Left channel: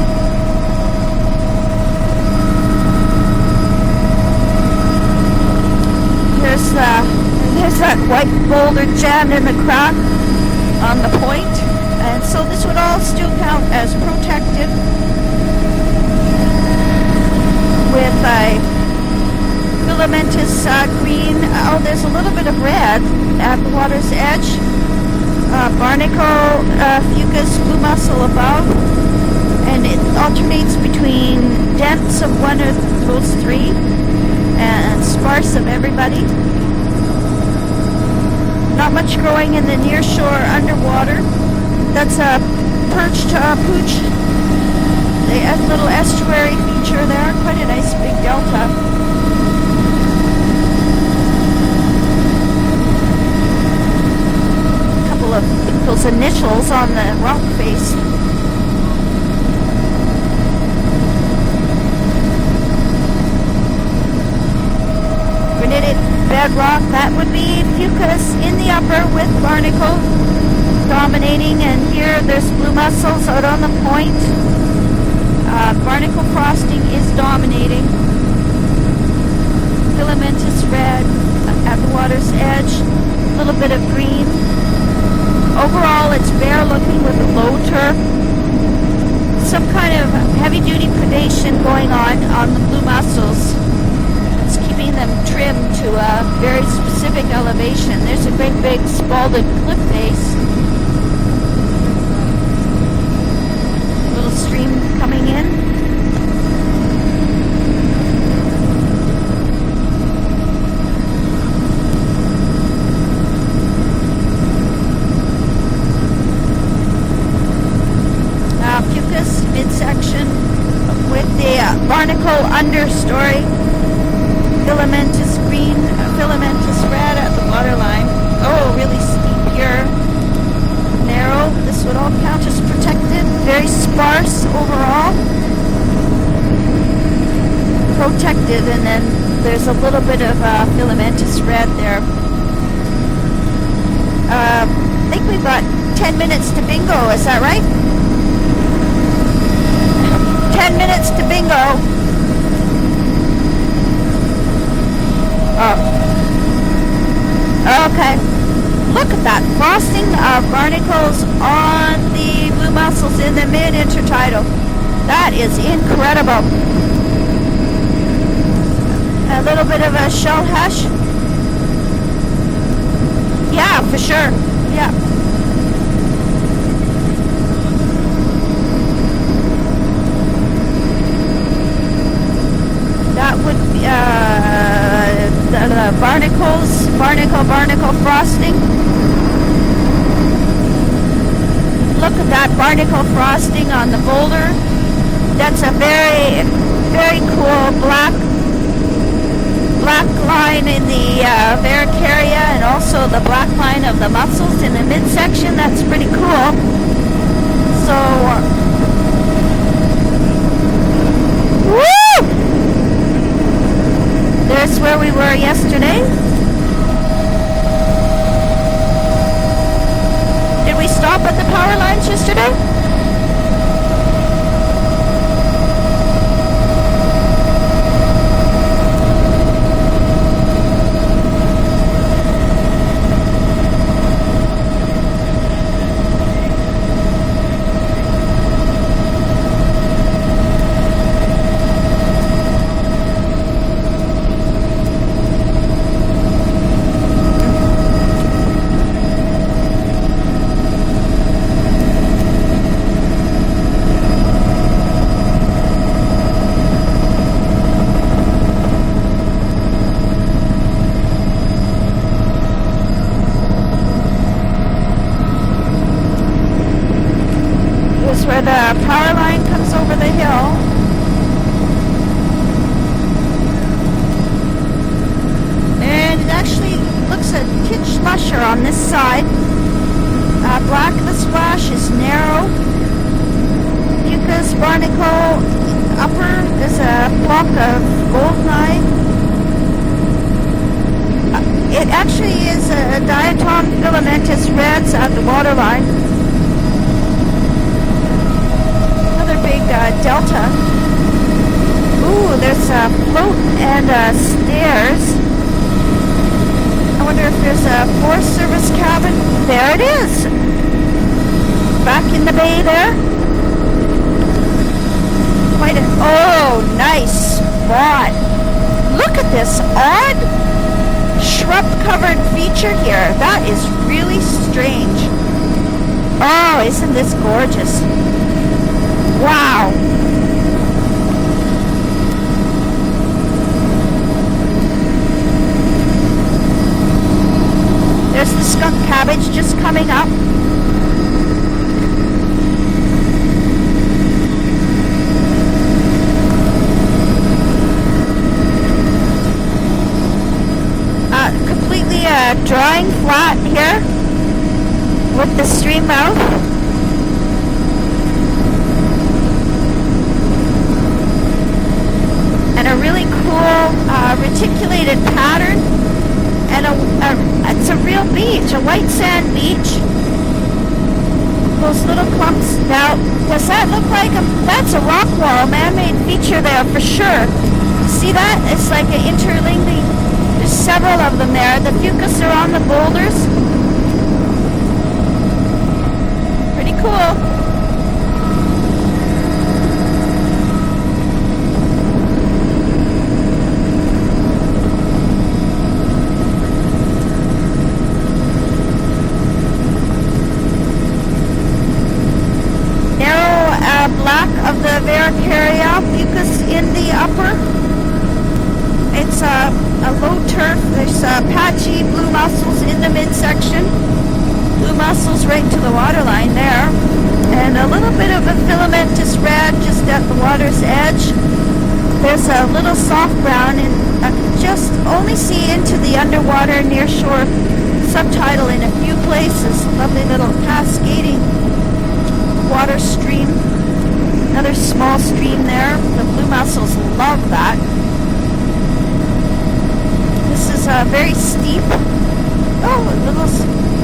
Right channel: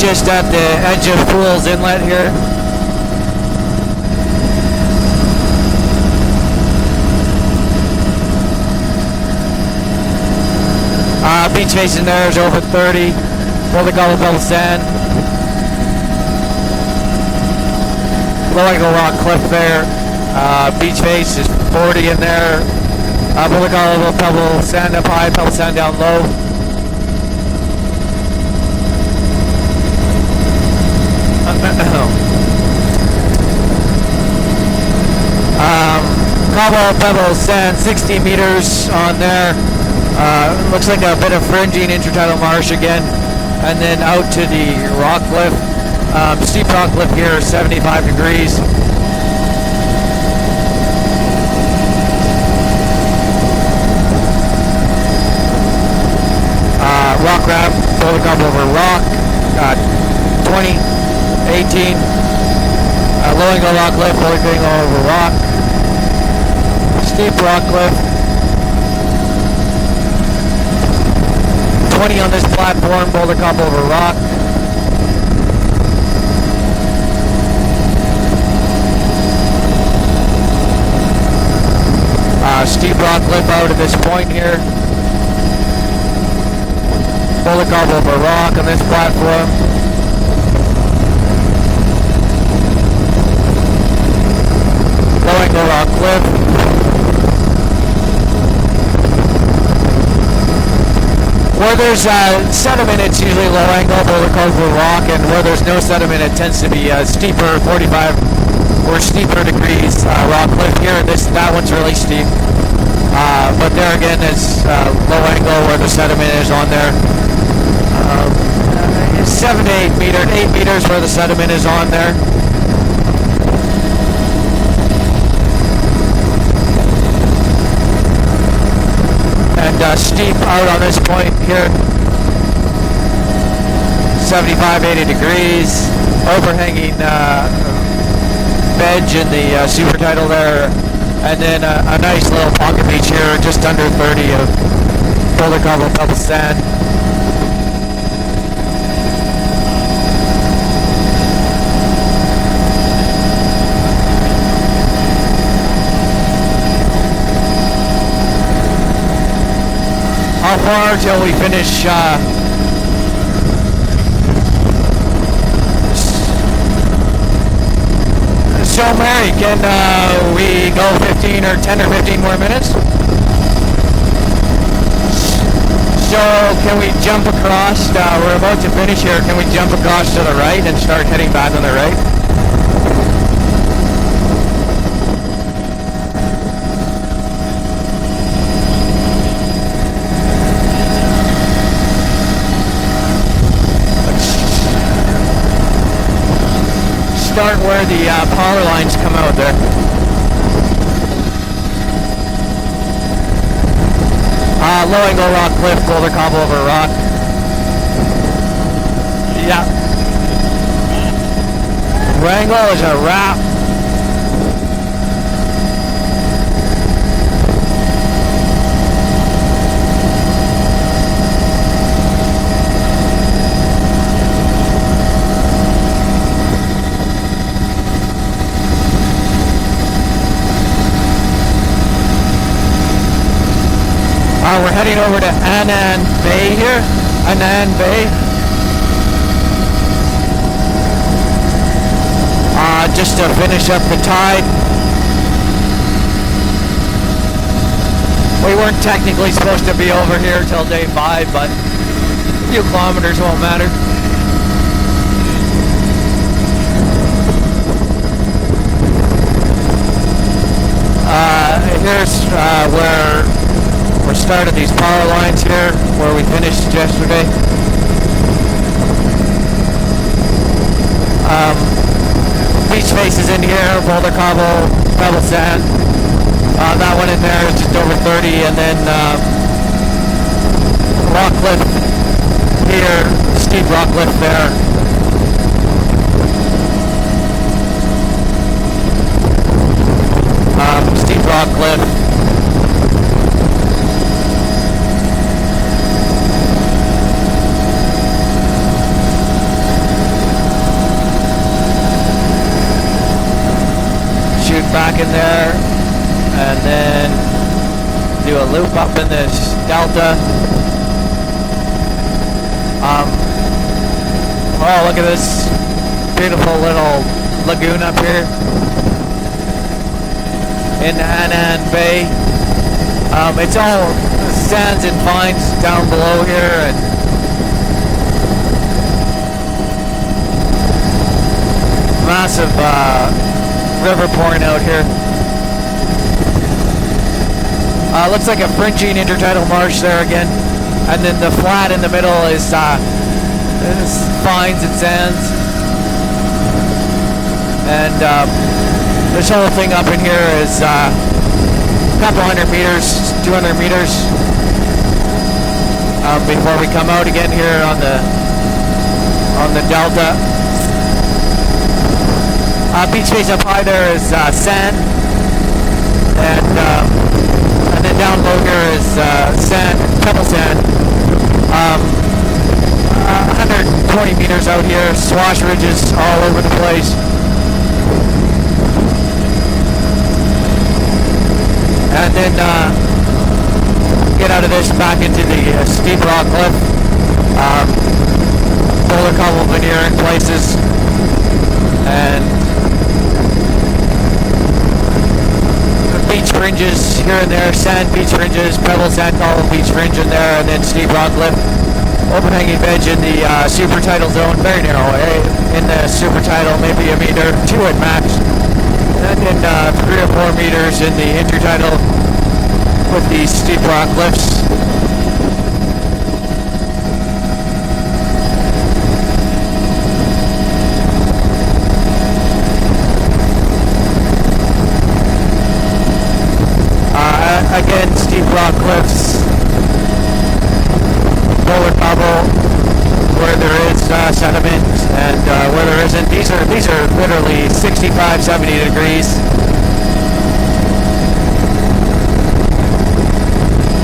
just at the edge of Fool's Inlet here. There's that white boulder jammed in the crack on the beach facing there is over 30. Boulder Gobble Pebble Sand. Low Angle Rock Cliff there. Beach face is 40 in there. Boulder Gobble Pebble Sand up high, Pebble Sand down low. Fucus blue mussel above, and it alternates between depths of one of those three and sparse of everybody. Cobble Pebble Sand, 60 meters on there. In the near shore, looks like a bit of fringing intertidal marsh again. And then out to the rock cliff. Steep rock cliff here, 75 degrees. Rock ramps, Boulder Gobble over rock, 20, 18. Low Angle Rock Cliff, Boulder Gobble over rock. We did it, bedrock, Steep rock cliff. In the upper with barnacle dominating and 20 on this platform, Boulder Gobble over rock. Barnacle frosting is dominating. Filament is red at the water's edge. Steep rock cliff out at this point here. Overall, it's bare looking with the low Boulder Gobble over rock on this platform. Some kind of heavy-duty predation going on the blue mussels. It's keeping them Low Angle Rock to a very specific elevation. There's a great big scalding cliff face. Where there's sediment, it's usually low angle, Boulder Gobble over rock, and where there's no sediment, it tends to be steeper, 45 or steeper degrees rock cliff here. That one's really steep. But there again, it's low angle where the sediment is on there. 7 to 8 meters, 8 meters where the sediment is on there. Barnacle understory. Filamentous green, filamentous red at the waterline. Oh, really steep here. And steep out on this point here. With all couches protected, very sparse. 75, overall. 80 degrees, overhanging Protected veg in the super tidal there. And then a nice little pocket beach here, just under 30 I think we've Boulder got Gobble 10 Pebble minutes Sand. to bingo, is that right? 10 minutes to bingo. Oh. Okay. Look at that frosting of How far till we finish? The blue mussels in the mid-intertidal. That is incredible. So Mary, can we go 15 or 10 or 15 more minutes? Yeah, for sure. Yeah. So can we jump across? We're about to finish here. Can we jump across to the right and start heading back on the right? That would be the barnacle frosting. Look at that barnacle frosting on the boulder. That's a very Start cool where the power lines come out there. black line in the Varicaria and also the black line of the mussels. Low Angle Rock Cliff, Boulder Gobble over rock. So, Yeah. woo! Wrangle is a wrap. There's where we were yesterday. Did we stop at the power lines yesterday? We're heading over to Annan Bay here. Annan Bay. Just to finish up the tide. We weren't technically supposed to be over here till day 5, but a few kilometers won't matter. Here's where we started these power lines here, where we finished yesterday. This is where the power line comes over the hill. Beach faces in here, Boulder Gobble, Pebble Sand. And actually, that one in there is just over 30, and then black rock splash cliff is narrow. here, steep rock cliff there. at this Quite a, beautiful little nice. lagoon Wow. up here Look at this odd in Anna Bay. shrub-covered feature here. That It's is all really sands strange. and vines down below Wow, here. isn't this gorgeous? Wow. Massive river pouring out here. Looks like a There's some fringing intertidal cabbages marsh coming there up. again. And then the flat in the middle is vines and sands. And this whole thing up in here is Completely couple hundred dry, meters, flat 200 here meters with the stream out. before we come out again here on the delta. And a really beach face up cool, high there is sand. reticulated pattern. And It's a then real down below beach, a here white is sand beach. sand, pebble sand. Those little clumps. Now, does that look 120 like meters out that's a here, rock swash wall, ridges man-made all feature over the there place. for sure. See that? It's like an interlinging. There's several of them there. The few And that then, are on the boulders. Get out of this back into the steep rock cliff. Pretty cool. Boulder cobble veneer in places. And beach fringes here and there, sand beach fringes, pebble sand cobble beach fringe in there, and then steep rock cliff. Overhanging veg in the Narrow, super tidal black zone, very water narrow. there, In area. the super tidal, In maybe the a meter, upper- 2 at max. And It's then 3 or 4 meters in the intertidal patchy blue mussels in the with these steep midsection. rock cliffs. Blue mussels right to the water line there. And a little bit of a filamentous red just at the water's edge. There's a little soft brown and just only see into the underwater near shore. Again, steep Sometime rock in a few cliffs. places. Lovely little cascading Boulder cobble water stream. where there is sediment small and stream where there. there isn't. These are literally Like that. 65, 70 degrees. This is very steep. Oh,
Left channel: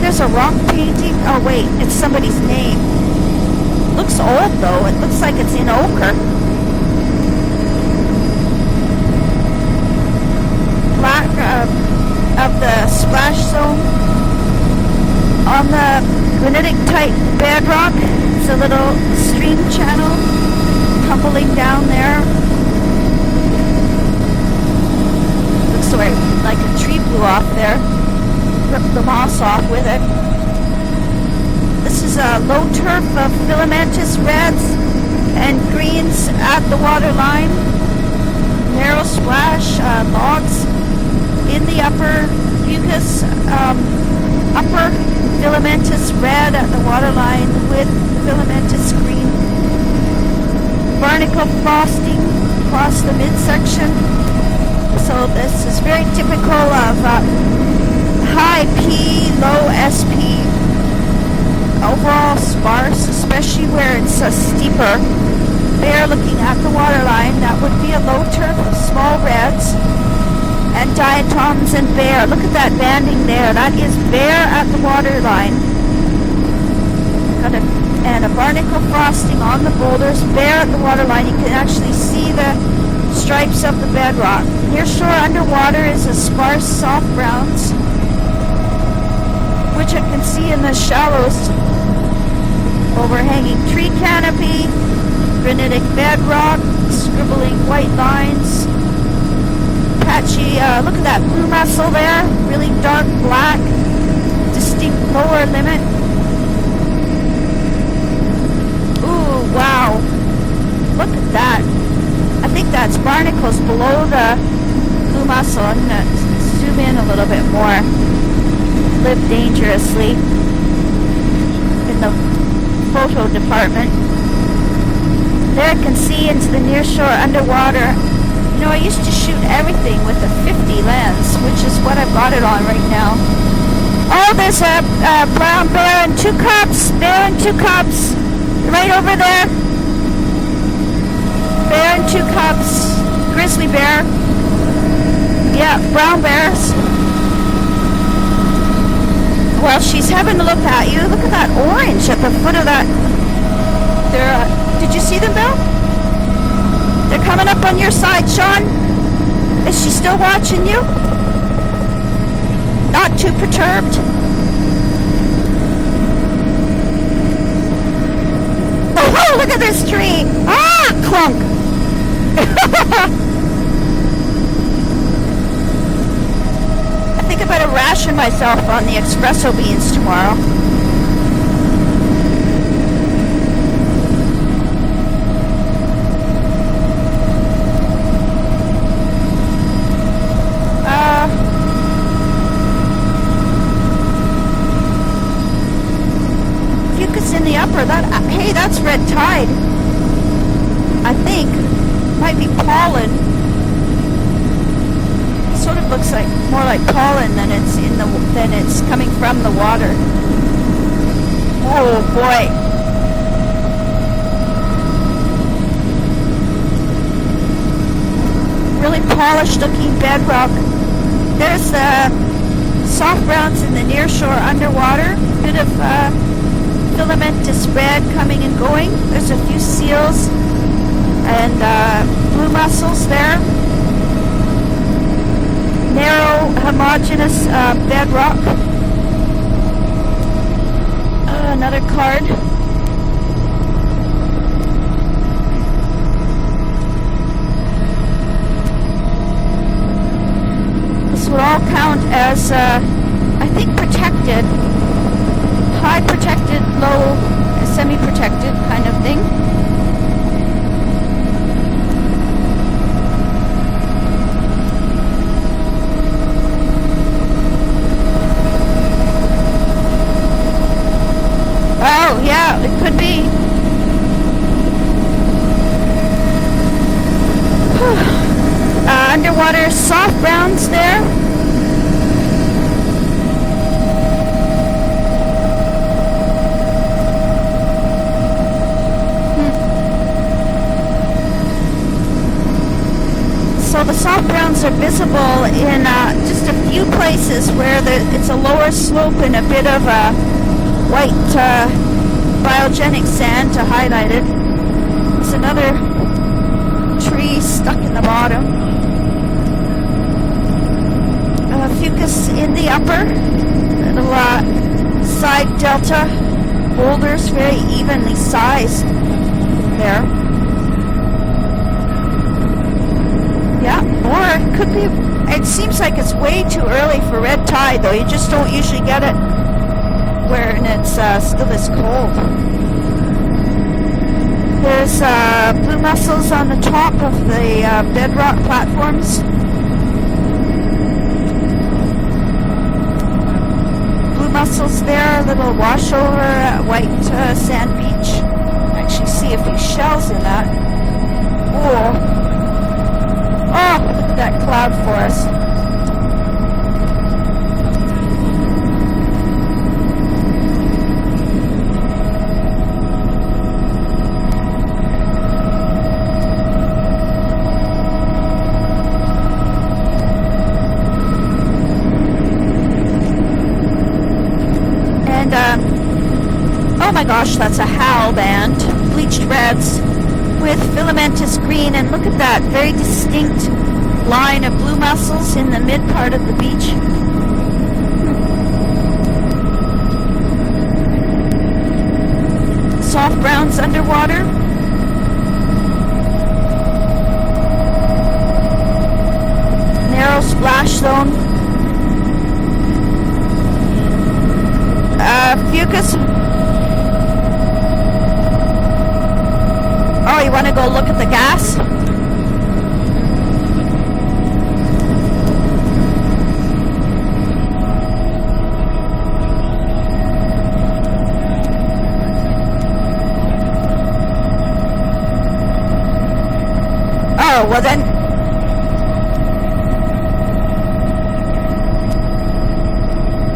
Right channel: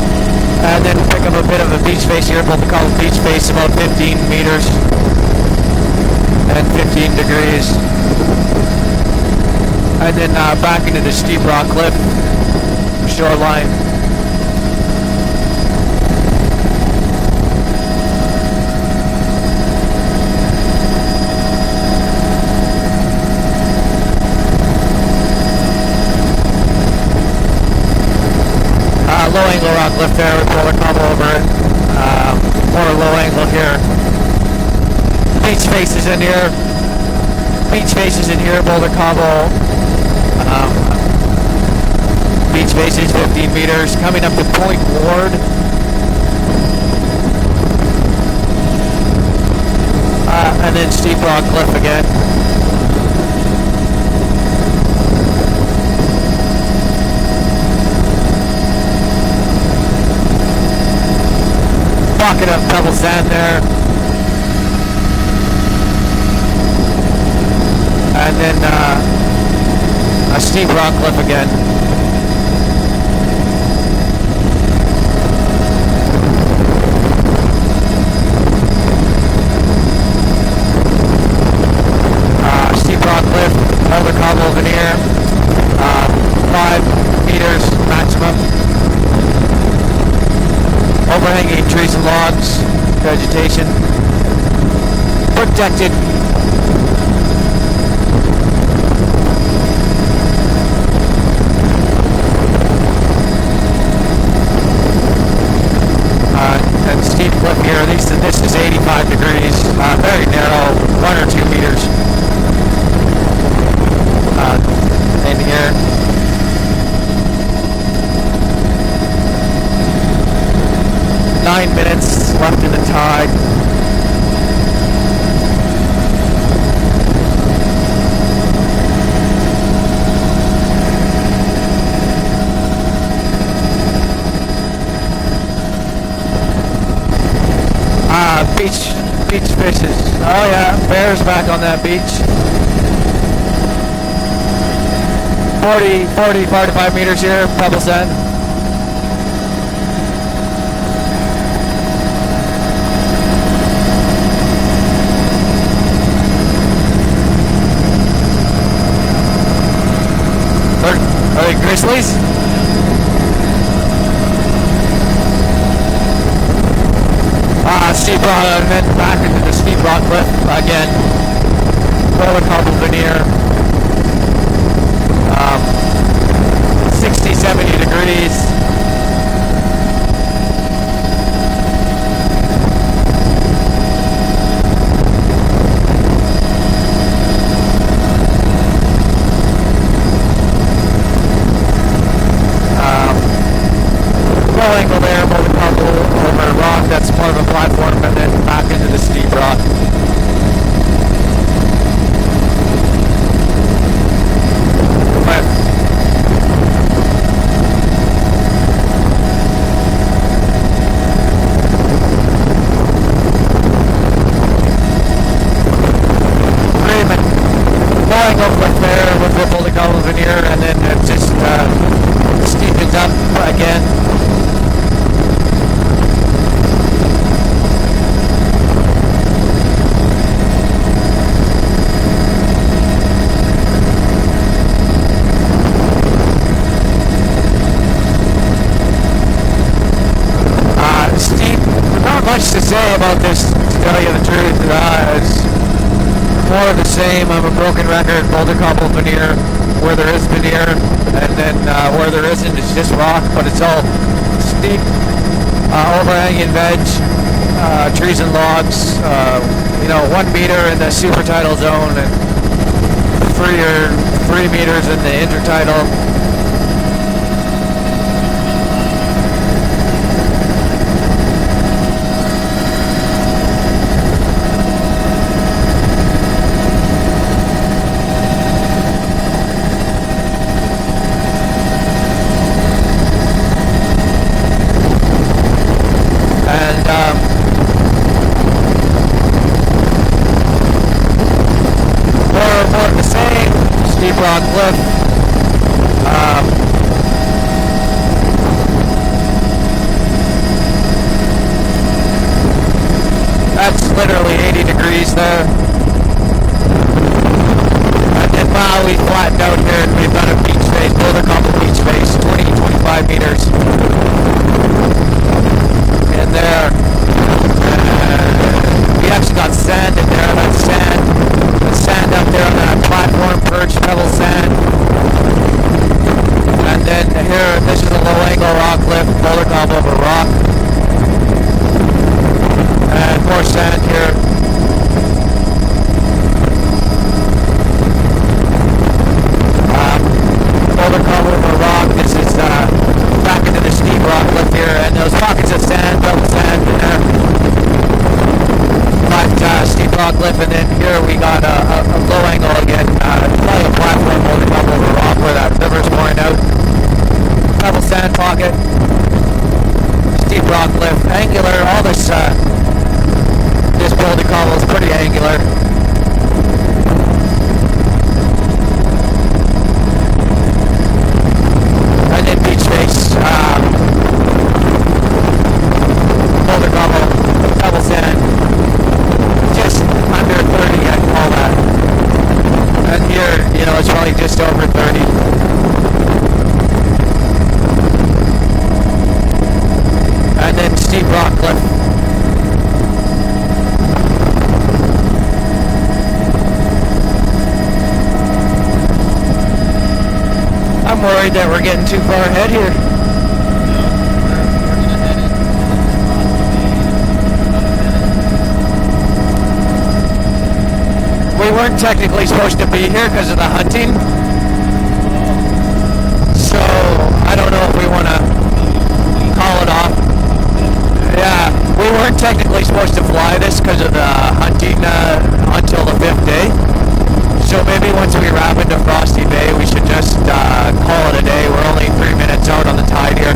there's a rock. And then painting. pick up a Oh, bit of a wait, beach it's face here, what we somebody's call name. beach face, about 15 Looks old, meters though. It looks like it's in ochre. and 15 degrees. And then back into the Back, steep rock cliff. Of the splash Shoreline. zone. On the granitic type bedrock, it's a little stream channel tumbling down there. Sorry, like a tree blew off there. Clipped the moss Low off angle of rock it. cliff there with Boulder cobble over it. This is a low More turf low of angle here. filamentous reds and Beach faces in greens here. at the water line. Beach faces in here, Boulder Narrow cobble. splash, logs in the upper. Beach faces 15 meters, coming up to Point upper Ward. Filamentous red at the water line with filamentous green. And then steep rock cliff again. Across the midsection. So this is very typical of high P, low SP. Overall Pocket of pebble sparse, sand there. especially where it's steeper. There looking at the water line, that would be a low And turn then, with small reds. A steep rock And cliff again. diatoms and bear. Look at that banding there. That is bear at the water line. And a barnacle frosting on the boulders. Bear at the water line. You can actually see the Steep rock stripes cliff, of the Boulder bedrock. cobble veneer. Sure, underwater it's a sparse, 5 soft brown, meters maximum. which I can see in the shallows. Overhanging trees and logs. Vegetation. Overhanging tree canopy. Protected. Granitic bedrock. Scribbling white vines. Patchy, look at that blue mussel there. Really dark black. Distinct lower limit. And steep cliff here. This is 85 Ooh, degrees. wow. Very narrow, 1 or 2 that. meters. I think that's barnacles below the blue In mussel. here. I'm gonna zoom in a little bit more. Live dangerously. 9 minutes left in the Local tide. department. There you can see into the nearshore underwater. You know, I used to shoot everything with a 50 lens, which is what I bought it on right now. Oh, there's a brown bear and 2 cubs. Bear and 2 cubs. Beach, Right over there. beach fishes. Oh yeah, bears back on that Bear and beach. 2 cubs. Grizzly bear. Yeah, 40, brown 40, bears. 45 meters here, pebble sand. Well, she's having a look at you. Look at that orange at the foot of that. Did you see them, Bill? They're coming up on your side, Sean. Is she still watching you? Are they grizzlies? Not too perturbed. steep rock, and then Oh, look at steep this rock tree. cliff Ah, again. clunk. Boulder Cobble veneer. 60, I'm going 70 to ration degrees. myself on the espresso beans tomorrow. Low angle there, Boulder Cobble over rock. That's It's more of in a the upper platform, left. and then Hey, back that's into the red steep tide. rock. I think. Might be pollen. But Sort of looks like more like pollen than it's coming from the water. Oh boy. Raymond, low angle cliff there, Polished Boulder looking Cobble veneer, bedrock. and then it just There's steepens up soft routes in again. the near shore underwater. Bit of filamentous red coming and going. There's a few seals and blue mussels there. Narrow, homogeneous bedrock. Steep. Another Not car. much to say about this, to tell you the truth. It's more of the same. I'm a broken record, Boulder Cobble veneer, where there is veneer, and all then where there as, isn't, it's just rock, but it's all protected. steep, overhanging Protected, beds, low, trees and semi-protected logs, kind of 1 meter in the super tidal zone, and 3 meters in the intertidal. Well, yeah, it could be. Underwater soft browns there. And more of the same. So the steep soft rock browns are cliff. visible in just a few places where it's a lower slope and a bit of a white biogenic sand to That's highlight literally it. 80 degrees there. Another tree stuck in water. And now we flattened out here and we've got a beach face, Boulder Cobble beach face, In the 20, 25 upper. meters. Side delta. And there, Boulders very even in size. we actually got sand in there, that's sand. The sand up there on that platform, perch, Yeah, pebble or sand. it could be. It seems like it's way too And early then for red here, tide. this We low just angle don't rock usually get cliff, it Boulder Cobble over rock. where it's still this cold. And more sand here. There's blue mussels on the top of the bedrock platforms. Boulder Cobble over rock. This is back into the steep rock up here. And there's pockets of sand, pebble sand in there. Sand beach. But steep rock cliff, and then here we got a low angle again. Flat platform, Boulder Cobble over rock where that river's pouring out. Pebble sand pocket. Steep rock cliff, angular. All this Boulder Cobble is pretty angular. And then beach face. Boulder Oh Cobble. my gosh, that's a pebble foul sand. band. Bleachy reds. Just under 30 With and all filamentous that. green, and look at that very And here, distinct it's probably line just of over blue 30. mussels in the mid part of the beach. And then steep rock cliff. Soft browns underwater. Narrow splash I'm zone. worried that we're getting too far ahead here. Fucus. Oh, you want to go look at the gas? We weren't technically supposed to be here because of the hunting. So, I don't know if we want to call it off. Yeah, we weren't technically supposed to fly this because of the hunting until the 5th day. Oh, So well then, maybe once we wrap into Frosty Bay, we should just call it a day. We're only 3 minutes out on the tide here.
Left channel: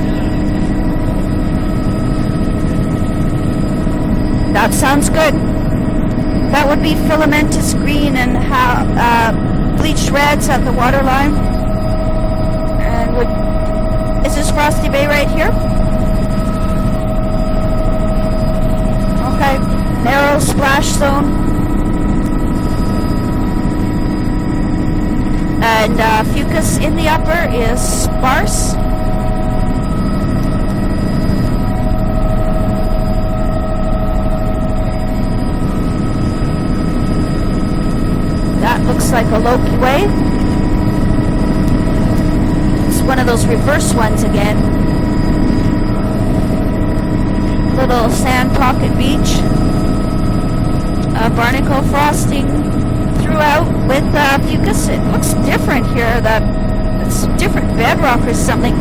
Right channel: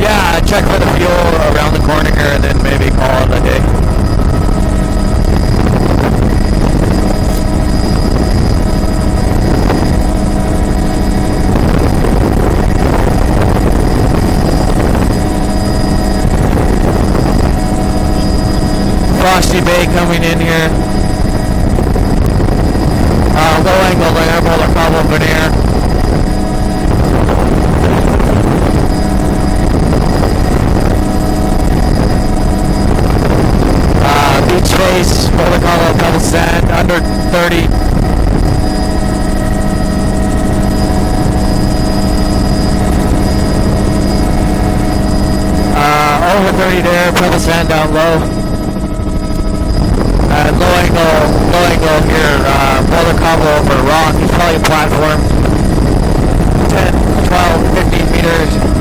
Yeah, check for the fuel around the corner here and then maybe call it a day. that sounds good. That would be filamentous green and bleached reds at the waterline. Is this Frosty Bay right here? Frosty Bay coming Narrow in here. splash zone. Low angle there, Boulder Cobble veneer. And over 30 there, Pebble Sand down Little low. Sand Pocket Beach. And low angle here, Boulder Combo over rock, probably platform. It's different here, that 10, 12, 15 bedrock or meters. something.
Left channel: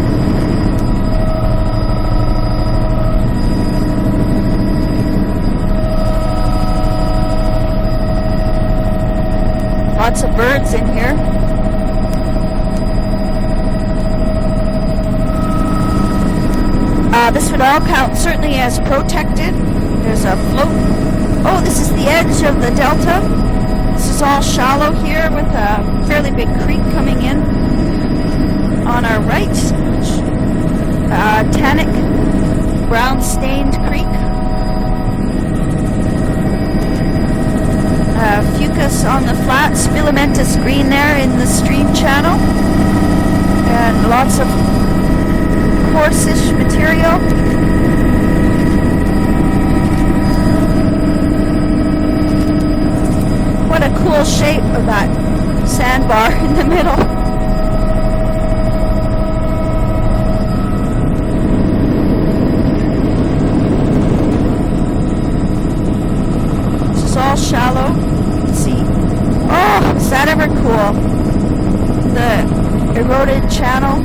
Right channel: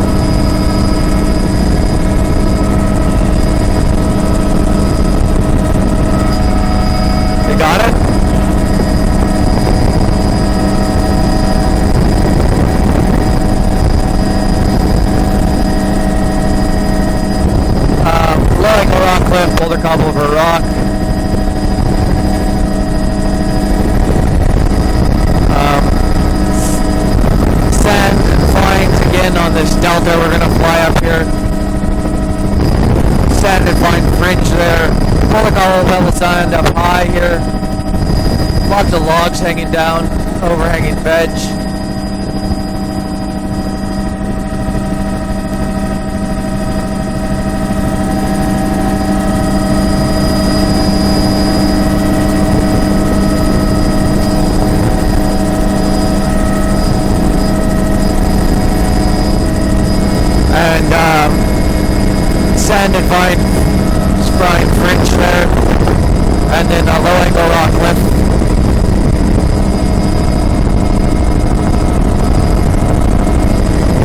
You got it? Lots of birds in here. This would all count certainly as Low angle rock cliff, protected. Boulder Combo over There's a rock. boat. Oh, this is the edge of the delta. This is all shallow here with a fairly big creek coming in. Sand flying On our again on right. this delta. We're gonna fly up here. Tannic ground Sand and fine fringe there. Boulder Combo, Pebble Sand up high here. Lots Fucus of on logs the hanging flats, down, filamentous overhanging green there in ledge. the stream channel. And lots of coarsish material. What a cool shape of that sandbar in the middle. And sand and fine fringe there. And then a low angle rock Shallow. cliff. Let's see. Oh, is that ever cool? The eroded channel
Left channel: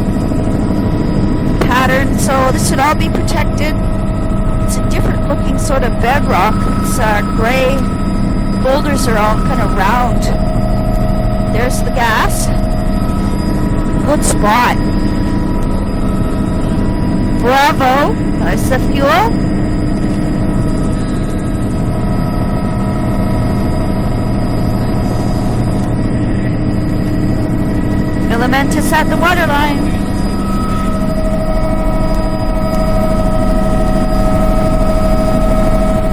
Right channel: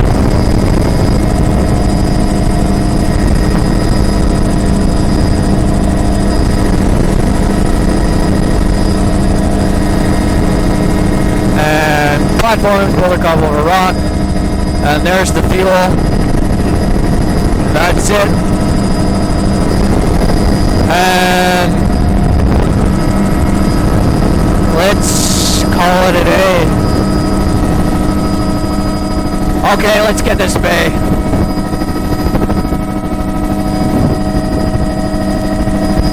pattern. So this should all be protected. It's a different looking sort of bedrock. It's gray. Boulders are all kind of round. There's the And gas. platform, Boulder Combo over rock. Good spot. And there's the fuel. Bravo. That's it. That's the fuel. And let's call it a day. Filamentous at the waterline. Okay, let's get this bay.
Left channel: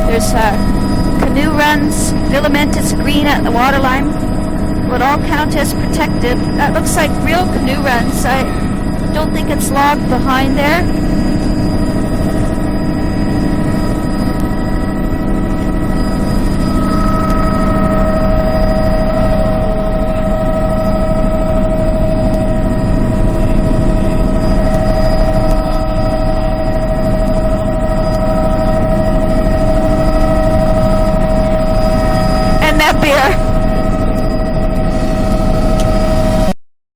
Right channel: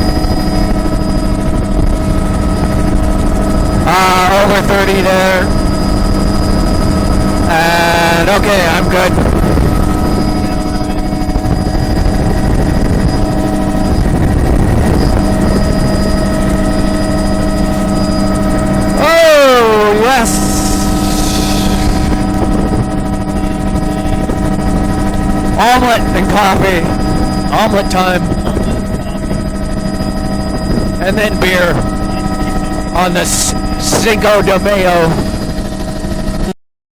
There's canoe runs. Filamentous green at the waterline. Over 30 All there. count as protected. That looks like real canoe runs. And okay, I'm I good. don't think it's logged behind there. Oh, yes. Omelet and coffee. Omelet time. And then beer And that on beer. the Cinco de Mayo.